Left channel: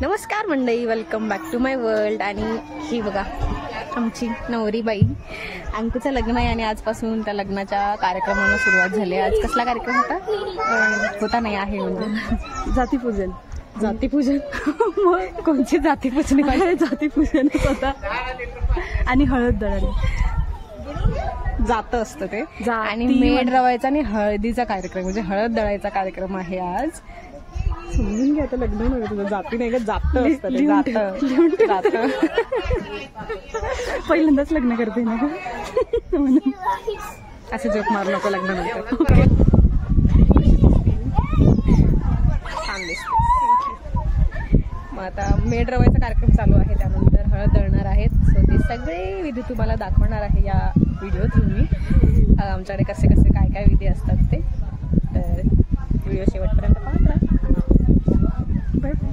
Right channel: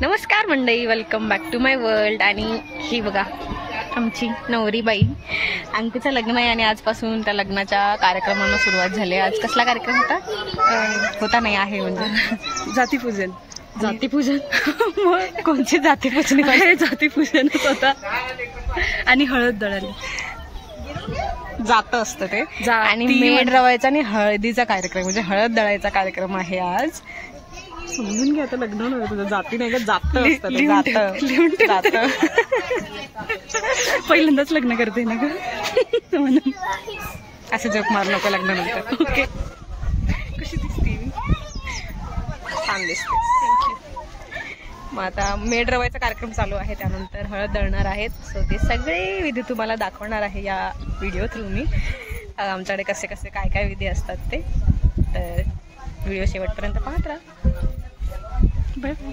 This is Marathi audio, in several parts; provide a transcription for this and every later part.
नमस्कार मंडळी, welcome back to my world. आणि ही बघा आमची नवरी बाई, अंकूचं लग्न आहे आणि आजपासून त्या लग्नाच्या कार्यक्रमांना सुरुवात झाली। आज कसला कार्यक्रम होता? होता नाही आहे म्हणजे जातीपूजन। जातीपूजन मग कोणची जातीपूजन? जातीपूजनच होता आणि हळद दळण जात असतं ते। आणि जाती मेड रवायचा आणि हळदीचा कार्यक्रम म्हणजे हळद दळायचा कार्यक्रम आहे आज। समजून घ्या, आता लग्न नव्हे तुझं, जाती नाही का, जात असतं ते, जात। पहिल्यांदाच लग्न करते ना का म्हणून असं जोक मारू नको लग्नानंतर। ओके, कशी दिसते? छान दिसते, थँक्यू। मग आता मेड रवायचा कार्यक्रम चालू आहे, त्यानंतर हळद दळणार आहेत। सो ते सगळे विधी तुम्हाला दाखवणार आहे या व्हिडिओ थ्रू मी। आमच्याकडे कसे कसे काय काय विधी असतात ते, तर व्हिडिओ शेवटपर्यंत पाहत राहा। Bye bye.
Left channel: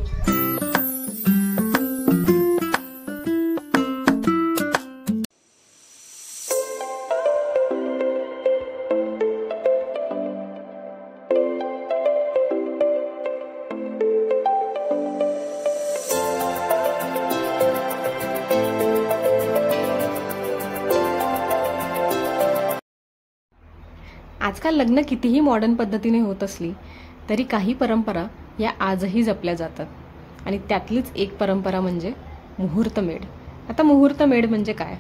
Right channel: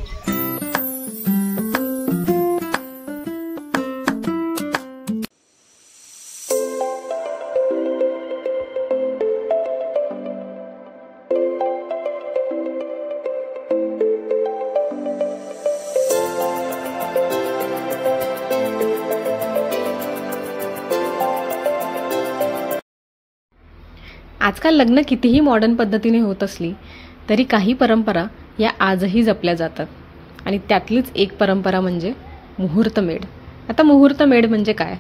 आजकाल लग्न कितीही मॉडर्न पद्धतीने होत असली तरी काही परंपरा या आजही जपल्या जातात, आणि त्यातलीच एक परंपरा म्हणजे मुहूर्तमेढ। आता मुहूर्तमेढ म्हणजे काय,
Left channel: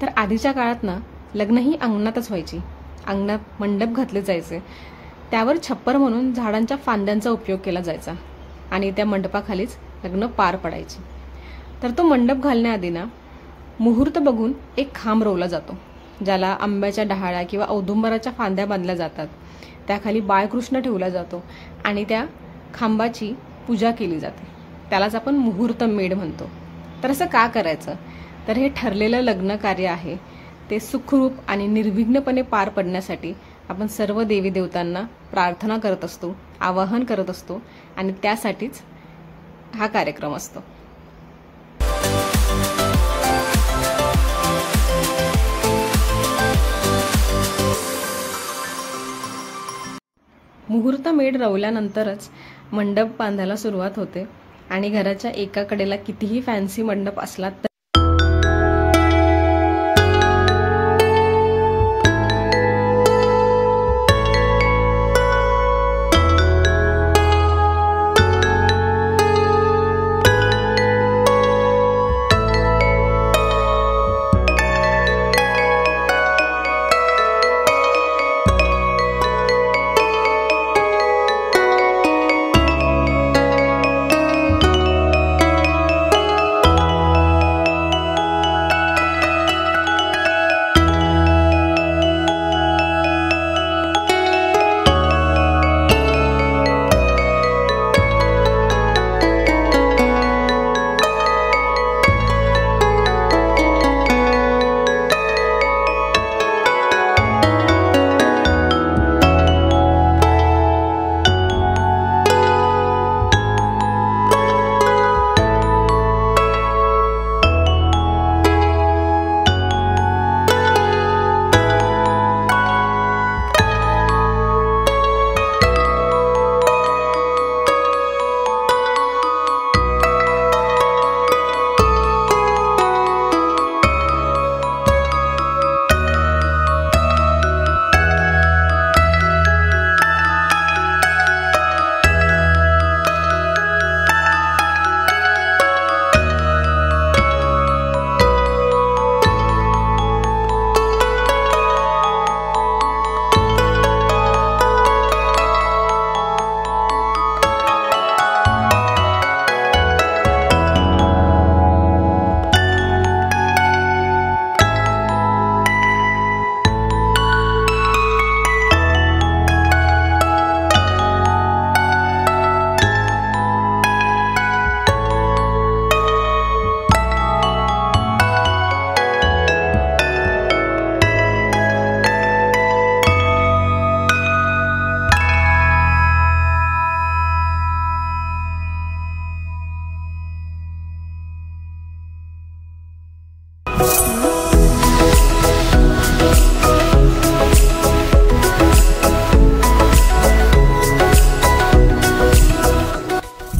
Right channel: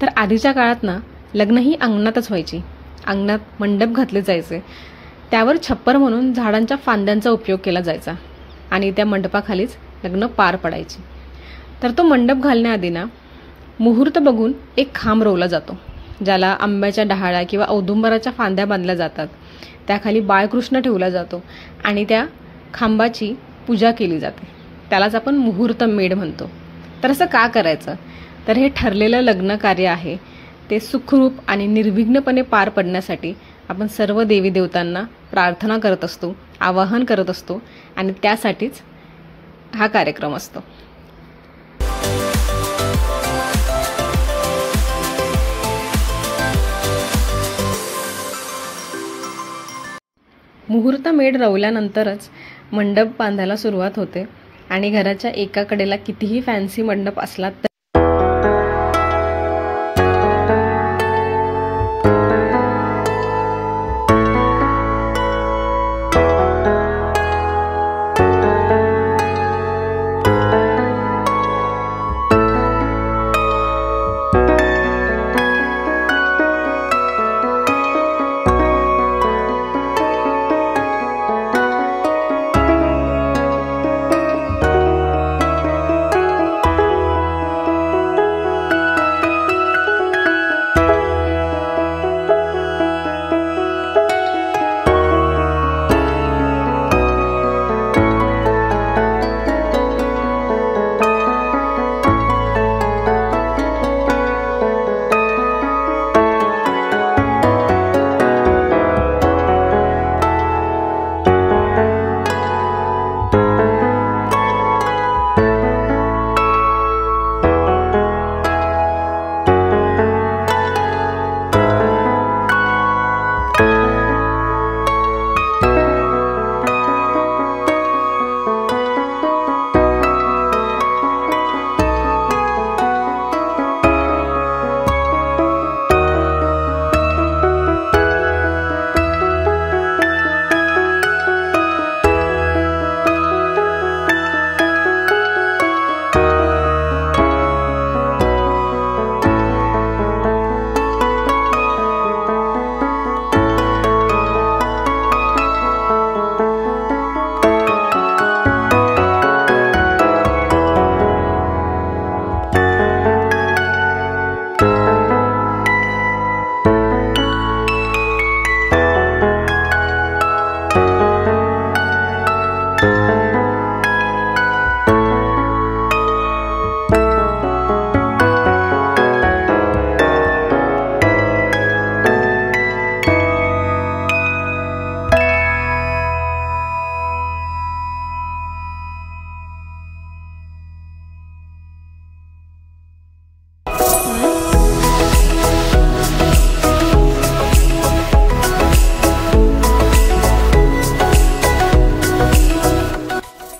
तर आधीच्या काळात ना लग्न ही अंगणातच व्हायची। अंगणात मंडप घातले जायचे, त्यावर छप्पर म्हणून झाडांच्या फांद्यांचा उपयोग केला जायचा आणि त्या मंडपाखालीच लग्न पार पडायचे। तर तो मंडप घालण्याआधी ना मुहूर्त बघून एक खांब रोवला जातो, ज्याला आंब्याच्या डहाळ्या किंवा औदुंबराच्या फांद्या बांधल्या जातात। त्याखाली बाळकृष्ण ठेवला जातो आणि त्या खांबाची पूजा केली जाते, त्यालाच आपण मुहूर्तमेढ म्हणतो। तर असं का करायचं, तर हे ठरलेलं लग्न कार्य आहे, ते सुखरूप आणि निर्विघ्नपणे पार पडण्यासाठी आपण सर्व देवी देवतांना प्रार्थना करत असतो, आवाहन करत असतो, आणि त्यासाठीच हा कार्यक्रम असतो। मुहूर्तमेढ रवल्यानंतरच मंडप बांधायला सुरुवात होते, आणि घराच्या एका कडेला कितीही फॅन्सी मंडप असला तर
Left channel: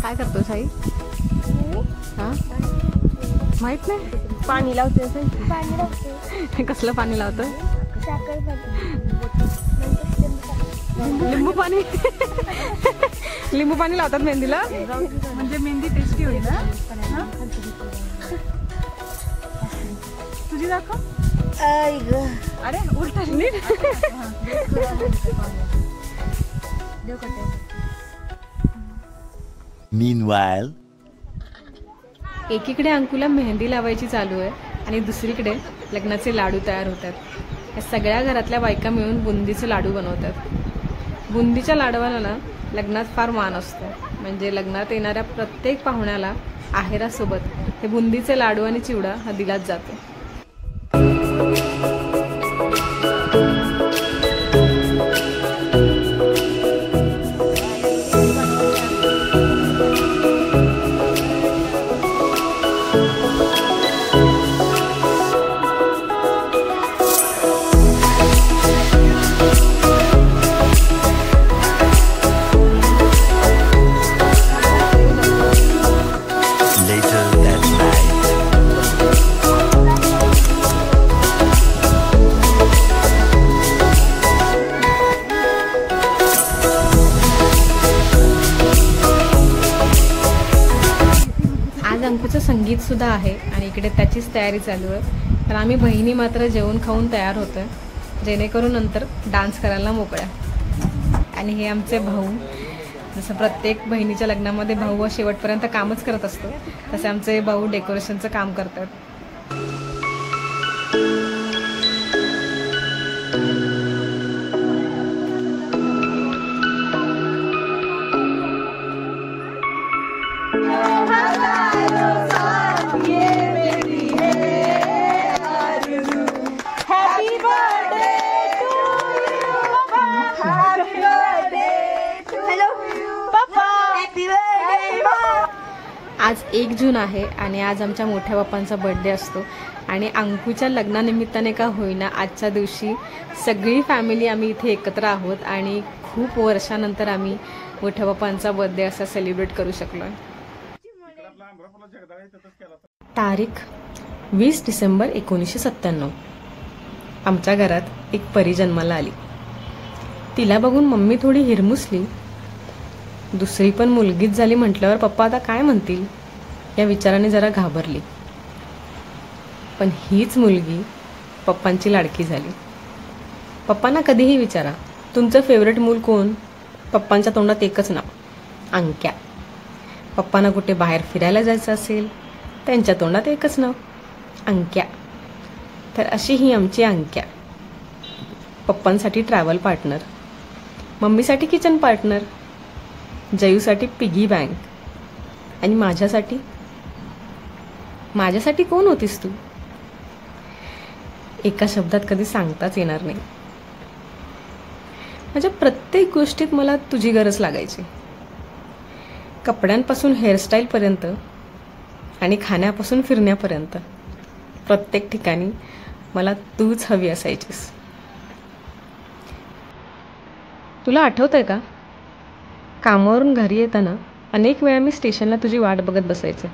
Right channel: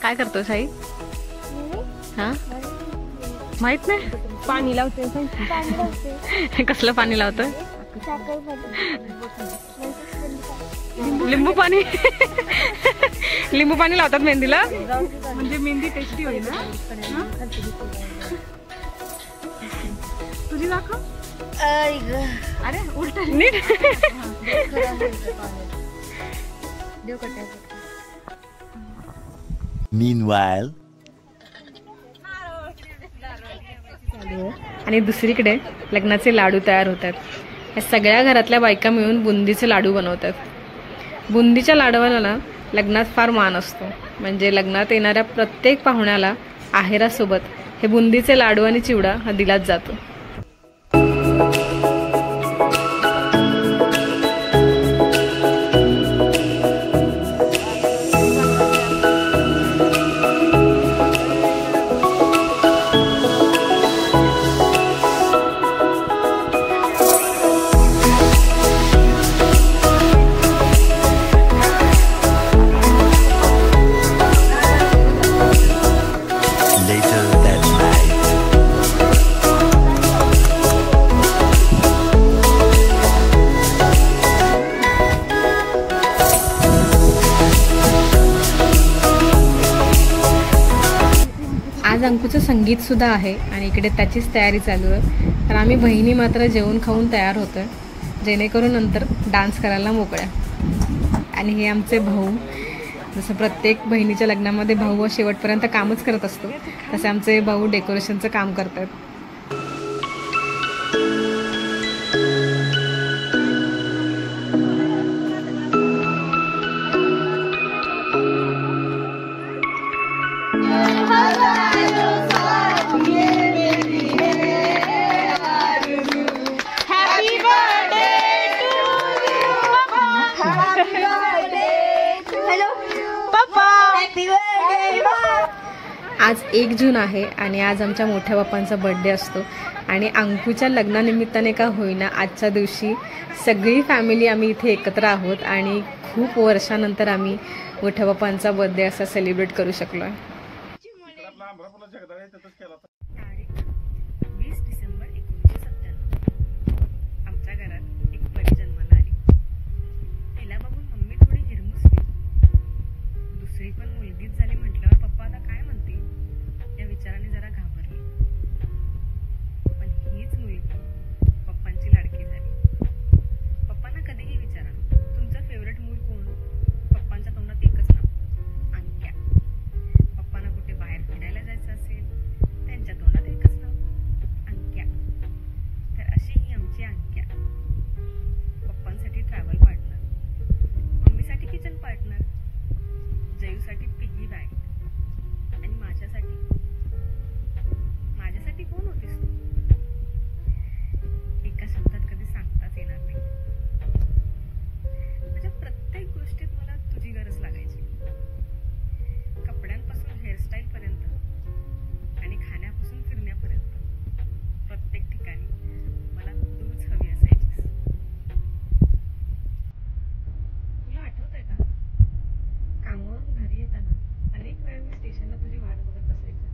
काय करतो साई? हा माहित नाही. पाणी लावते पाणी लावते. कसलं पाणी लावतं? साखर लिंबू पाणी. लिंबू पाणी लावतात मेहंदीला. म्हणजे मेहंदी टेस्टी होईल ना. तुझी दाखव. अरे उलट नीट. Meanwhile, एकीकडे अंकुला मेहंदी लावायची चालू आहे आणि दुसरीकडे लग्नाचे लाडू तयार होतात. या सगळ्या घरातल्या बायका मिळून बुंदीचे लाडू बनवतात. बुंदीच्या लाडवाला लग्नात फार मान असतो. म्हणजे लग्नात येणाऱ्या प्रत्येक पाहुण्याला आहेरासोबत हे बुंदीचे लाडू आणि चिवडा हा दिलाच जातो. later that night. आज अंकुचं संगीत सुद्धा आहे आणि इकडे त्याचीच तयारी चालू आहे. तर आम्ही बहिणी मात्र जेवण खाऊन तयार होतोय जेणेकरून नंतर डान्स करायला मोकळ्या. आणि हे आमचे भाऊ. जसं प्रत्येक बहिणीच्या लग्नामध्ये भाऊ शेवटपर्यंत कामच करत असतो तसे आमचे भाऊ डेकोरेशनचं काम करतात. आज 1 जून आहे आणि आज आमच्या मोठ्या बाप्पांचा बर्थडे असतो आणि अंकुच्या लग्नानिमित्ताने का होईना आजच्या दिवशी सगळी फॅमिली आम्ही इथे एकत्र आहोत आणि खूप वर्षानंतर आम्ही मोठ्या बाप्पांचा बर्थडे असा सेलिब्रेट करू शकलोय. तारीख 20 डिसेंबर 1997. आमच्या घरात एक परी जन्माला आली. तिला बघून मम्मी थोडी हिरमुसली. दुसरी पण मुलगीच झाली म्हटल्यावर पप्पा आता काय म्हणतील या विचाराने जरा घाबरली. पण हीच मुलगी पप्पांची लाडकी झाली. पप्पांना कधीही विचारा तुमचं फेवरेट मूल कोण, पप्पांच्या तोंडात एकच नाव, अंक्या. पप्पांना कुठे बाहेर फिरायला जायचं असेल त्यांच्या तोंडात एकच नाव, अंक्या. तर अशी ही आमची अंक्या. पप्पांसाठी ट्रॅव्हल पार्टनर, मम्मीसाठी किचन पार्टनर, जयूसाठी पिगी बँक आणि माझ्यासाठी कोण होतीस तू? एका शब्दात कधी सांगताच येणार नाही. माझ्या प्रत्येक गोष्टीत मला तुझी गरज लागायची. कपड्यांपासून हेअरस्टाईल पर्यंत आणि खाण्यापासून फिरण्यापर्यंत प्रत्येक ठिकाणी मला तूच हवी असायचीस. तुला आठवतंय का, कामावरून घरी येताना अनेक वेळा मी स्टेशनला तुझी वाट बघत बसायचे.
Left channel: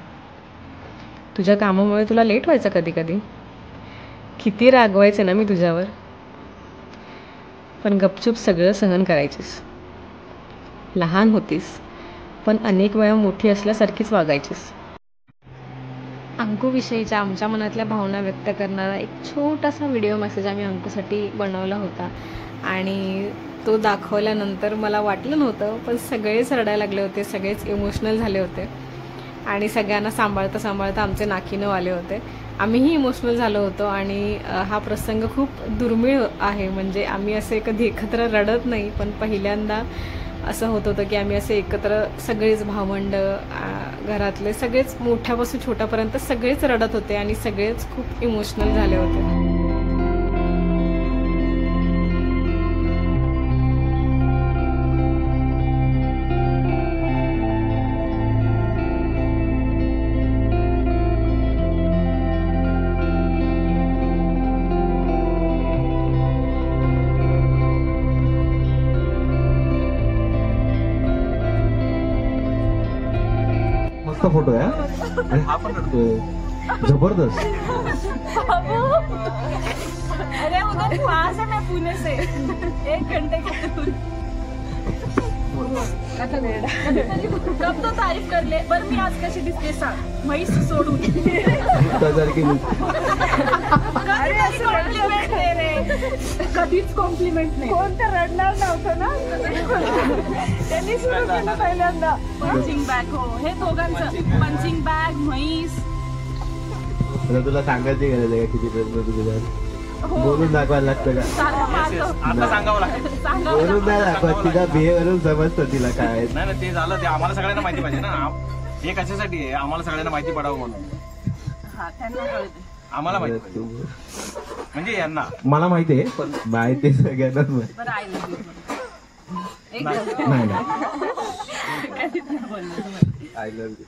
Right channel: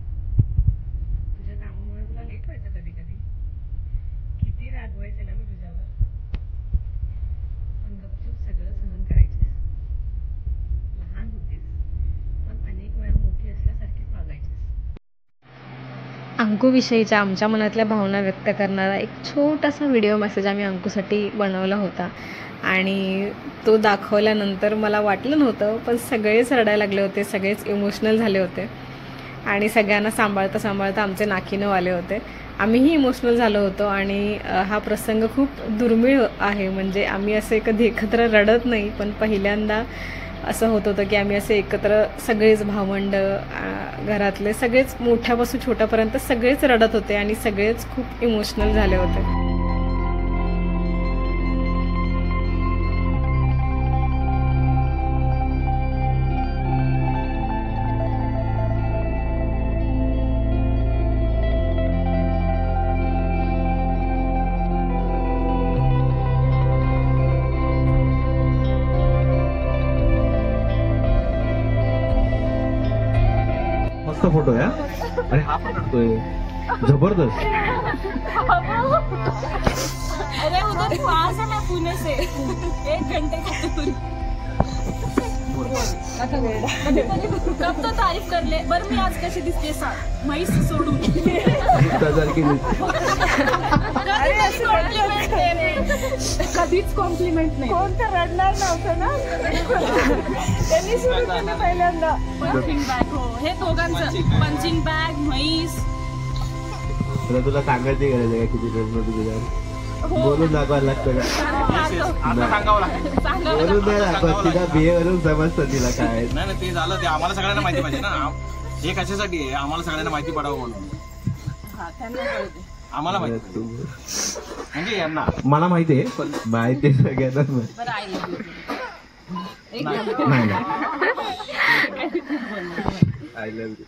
तुझ्या कामामुळे तुला लेट व्हायचं कधी कधी. किती रागवायचे ना मी तुझ्यावर, पण गपचूप सगळं सहन करायचीस. लहान होतीस पण अनेक वेळा मोठी असल्यासारखीच वागायचीस. अंकुविषयीच्या आमच्या मनातल्या भावना व्यक्त करणारा एक छोटासा व्हिडिओ मेसेज आम्ही अंकुसाठी बनवला होता आणि तो दाखवल्यानंतर मला वाटलं नव्हतं पण सगळेच रडायला लागले होते, सगळेच इमोशनल झाले होते आणि सगळ्यांना सांभाळता सांभाळता आमचे नाकीनव आले होते. आम्हीही इमोशनल झालो होतो आणि हा प्रसंग खूप दुर्मिळ आहे. म्हणजे आम्ही असे कधी एकत्र रडत नाही पण पहिल्यांदा असं होत होतं की आम्ही असे एकत्र सगळेच भावंड, घरातले सगळेच मोठ्यापासून छोट्यापर्यंत सगळेच रडत होते आणि सगळेच खूप इमोशनल झाले होते. मस्त फोटो आहे हा. आणि हा पण रडतोय जबरदस्त. अरे उधर पास है, मैं पुणे से 1 घंटे की दूरी. कब तो तारीफ कर ले. बरं मी आज कशी दिसते सांग, म्हैस सोडून. कॉम्प्लिमेंट दे रे. कधीच कॉम्प्लिमेंट नाही. कोण तर रडणार नव्हतं ना. त्यांनी सुरू केलं पहिल्यांदा. Punching bag. हो, हे दोघांचं पंचिंग बॅग, म्हैस. तुला सांगायची गरज आहे किती तुझ्या बोलून दाखवायला लागतं का? बोलून नाही दाखवत, तिला बिहेवरून समजतं तिला काय. नाही ते झालं, ते आम्हाला सगळ्यांना माहिती पाहिजे ना. हे कशासाठी आहे, आम्हाला सगळ्यांना माहिती पडावं म्हणून. हा, त्यांना कळते. आम्हाला माहिती पाहिजे म्हणजे यांना. मला माहिती आहे पण माहिती आहे सगळ्यांनाच माहिती. बरं, आय लव्ह यू. नाही आय लव्ह यू.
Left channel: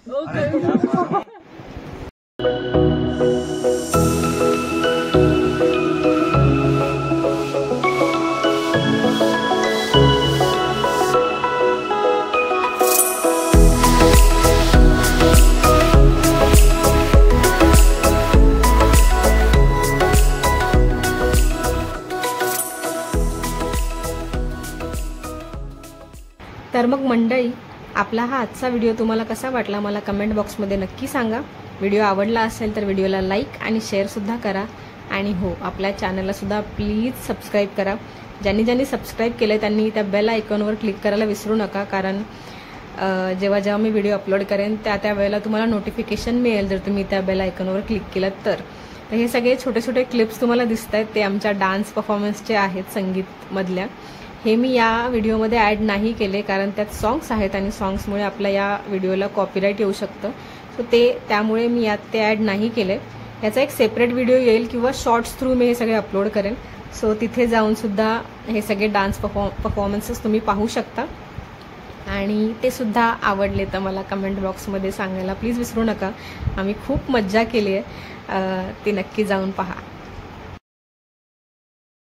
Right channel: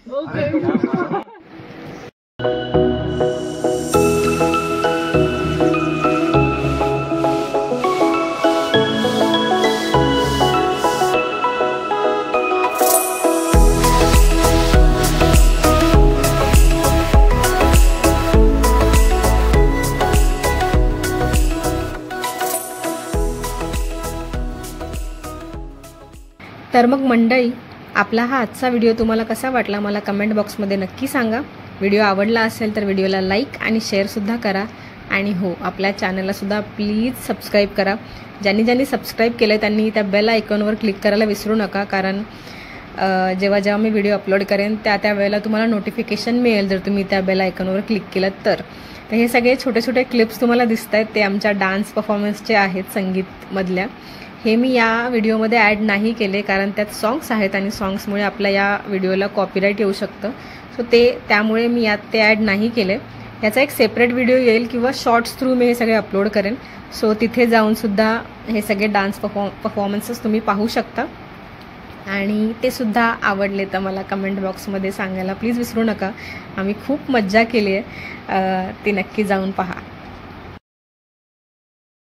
तर मग मंडळी, आपला हा आजचा व्हिडिओ तुम्हाला कसा वाटला मला कमेंट बॉक्समध्ये नक्की सांगा. व्हिडिओ आवडला असेल तर व्हिडिओला लाईक आणि शेअरसुद्धा करा. आणि हो, आपल्या चॅनलला सुद्धा प्लीज सबस्क्राईब करा. ज्यांनी सबस्क्राईब केलं त्यांनी त्या बेल आयकॉनवर क्लिक करायला विसरू नका, कारण जेव्हा जेव्हा मी व्हिडिओ अपलोड करेन त्या वेळेला तुम्हाला नोटिफिकेशन मिळेल जर तुम्ही त्या बेल आयकॉनवर क्लिक केलं तर. हे सगळे छोटे छोटे क्लिप्स तुम्हाला दिसत आहेत ते आमच्या डान्स परफॉर्मन्सचे आहेत, संगीतमधल्या. हे मी या व्हिडिओमध्ये ॲड नाही केले कारण त्यात सॉंग्स आहेत आणि सॉंग्समुळे आपल्या या व्हिडिओला कॉपीराईट येऊ शकतं. सो त्यामुळे मी यात ते ॲड नाही केले. याचा एक सेपरेट व्हिडिओ येईल किंवा शॉर्ट्स थ्रू मी हे सगळे अपलोड करेन. सो तिथे जाऊन सुद्धा हे सगळे डान्स परफॉर्मन्सेस तुम्ही पाहू शकता. आणि ते सुद्धा आवडले तर मला कमेंट बॉक्समध्ये सांगायला प्लीज विसरू नका. आम्ही खूप मज्जा केली आहे, ती नक्की जाऊन पहा.